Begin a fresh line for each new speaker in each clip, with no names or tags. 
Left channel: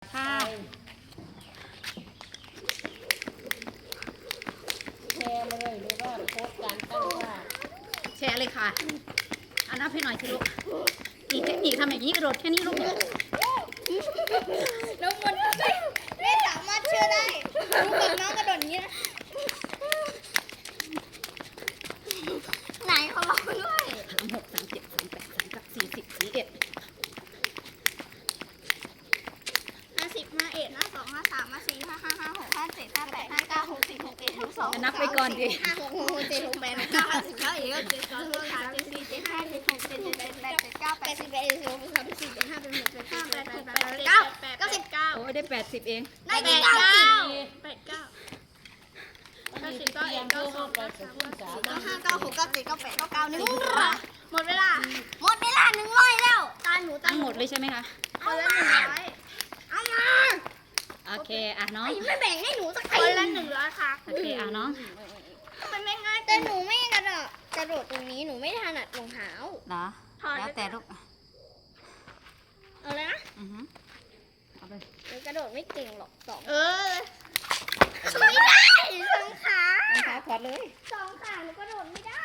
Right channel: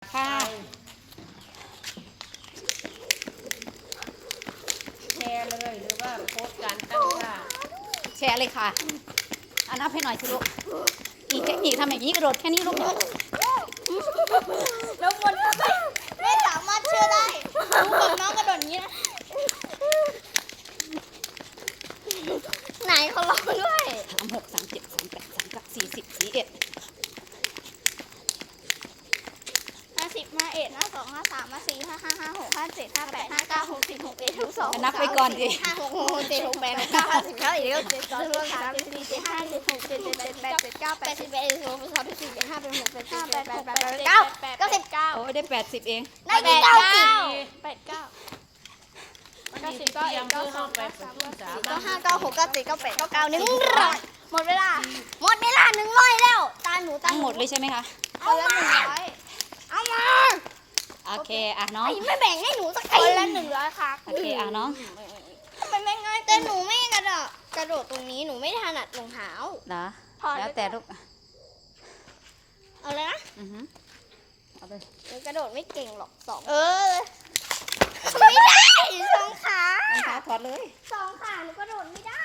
ค่ะ
แชร์เลยหรือว่าโพสต์การตั้งค่า
แชร์เลยค่ะเอานับให้หน่อยสิลูกมีเทคนิคทำอย่างนี้กระโดดแค่นี้ลูกแล้วมัน
ไม่สามารถเชื่อได้ลูกกับน้องกระโดดอย่างนี้นะไหนเขาลองด้วย
36 37 38 39 40 41
50 51 52 53 54 55 56 57 58 59 60 61 62
นับไปก่อนดิ
56 67 68 69 50แล้วอีก7 2 3 4 4 5 6 7 7 8 8 9 81 82 83 84 85 86 87 88 89
โอ้ยได้80เอง
ได้ที่89
วันนี้สิเตรียมเพื่อเข้าไปประชุมสามัญ
95 96 97 98 99 100หมดเวลา100แล้วตาหนูตา
ทั้งหมดเลยใช่ไหมคะ
เอามาเอามา
โอเคอ่ะน้อง
ไม่แบ่งให้หนูสักทีละ100ค่ะ
โอเคอ่ะน้อง
มันไม่ง่ายแต่หนูไม่กระโดดตรงนี้หนูไม่ถนัดรองเท้า
นะแล้วแต่ลูก
เอาเลยนะ
เอาไป
หนูกระโดดไม่เก่งหรอกไม่ได้สองขาร
องเท้าถอดเลย
2 ขาหนูกระโดดไม่ได้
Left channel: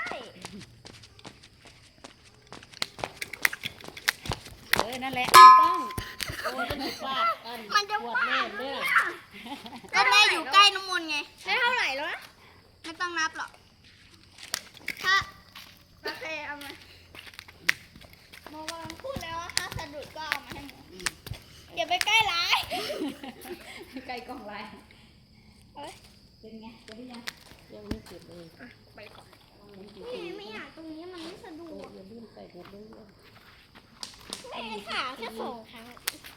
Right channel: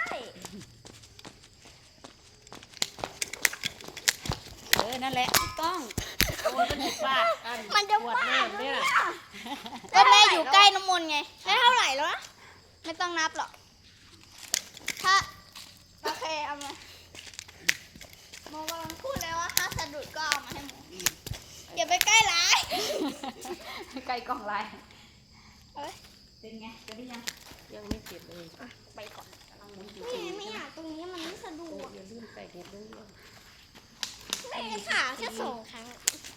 นั่นแหละต้อง
โอ้ยเป็นสิบบาทมันจะปวดเล่นเนี่ย
แล้วแม่อยู่ใกล้น้ำมนต์ไงได้เท่าไหร่แล้วนะไม่ต้องนับหรอกถ้าโอเคเอามาโมกำลังพูดแล้วว่าถ้าสะดุดก็เอามาให้หมูอย่าไปใกล้ร้าย
ไกลกล่องลาย
เอ้ย
เป็นไงจะได้ยัง
ยังไม่เสร็จเลย
ไปก่อน
กำลังหมุนอยู่
แม่ไม่อยากตรงนี้มันไม่สะดวก
อย่าลืมใส่เห็ดด้วย
แม่ขาแค่2 ครั้ง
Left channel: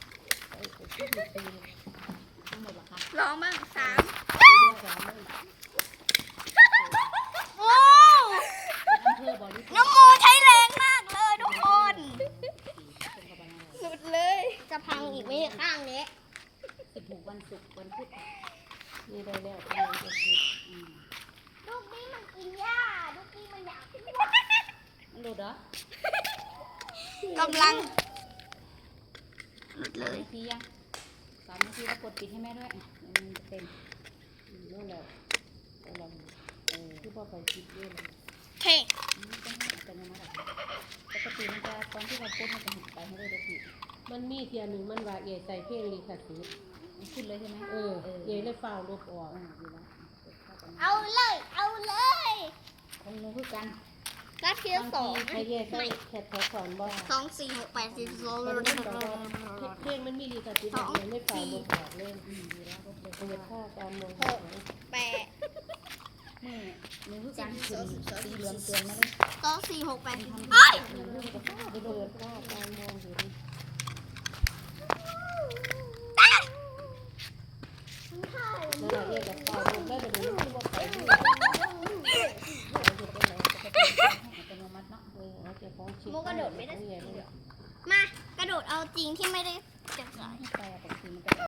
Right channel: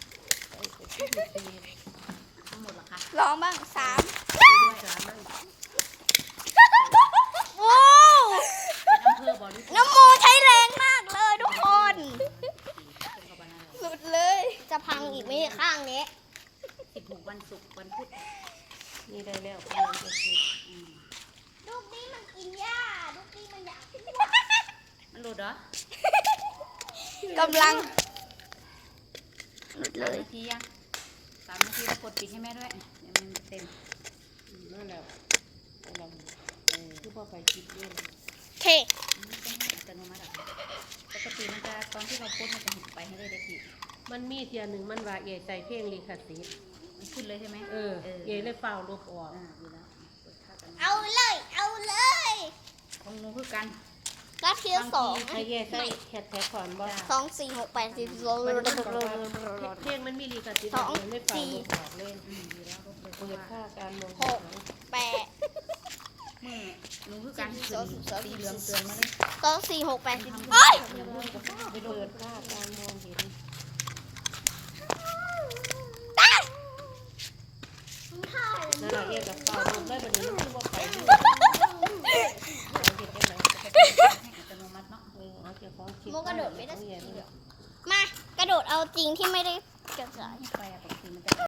ทั้งหมดเหรอคะ
ลองบ้าง3
ด้วยสามัญ
เป็นอำเภอบริสุทธิ์
น้ำมูใช้แรงมากเลยทุกคนสุดเลยจะพังอีกไหมเนี่ยข้างนี้
16วันศุกร์วันพุธ
นี่ได้แล้วกำลังจะเสร็จ
ลูกนี้มันกินหญ้าลูกนี้มันอยากกิน
มันหลุดเหรอก
ำลัง
3 นาทียัง3 นาทีแล้วกดปิดให้แม่ด้วยเดี๋ยวมันเต็ม
นั่นแหละกำลังคือพอไปคิดด้วย
เท
ต้องให้อัตโนมัติอ่ะปกติมันจะตอนที่เราพูดมันจะหดไปให้ได้ที
มันมีเทียหนึ่งมันว่าเอ๋ใส่เพลงลิขสิทธิ์
มันขึ้นเลยใช่ไหม
เอ๋เลยเฝ้าลบออก
อยู่แล้วเข้ากัน
เอาเลย
ของหนูคือกัน
นัดที่2
ให้เอ๋ใส่แคทแท็กก่อนบ่
2 4 6 8 4 2
มันบอกว่าเพลงมันมีลิขสิทธิ์เอ๋เลยเฝ้าลบออกเลย
อยู่แล้วก็เลย
เปิดค่าการมอง
8
มือหนูคือกันขึ้นสีเหลืองเตือนมาเลย
2 4 6 8 4
ไปเปิดค่าการมองเห็น นั่นแหละเรียกกับเฝ้าลบได้ประเดี๋ยวมันคือว่าไปนี่
อัตโนมัติเนาะ
เอาเก็บของชิ
โมกระโดดไม่ได้
เ
มากระโดดเอาจริงที่ไม่ได้เก็บสาย
ไปปกติมันจะ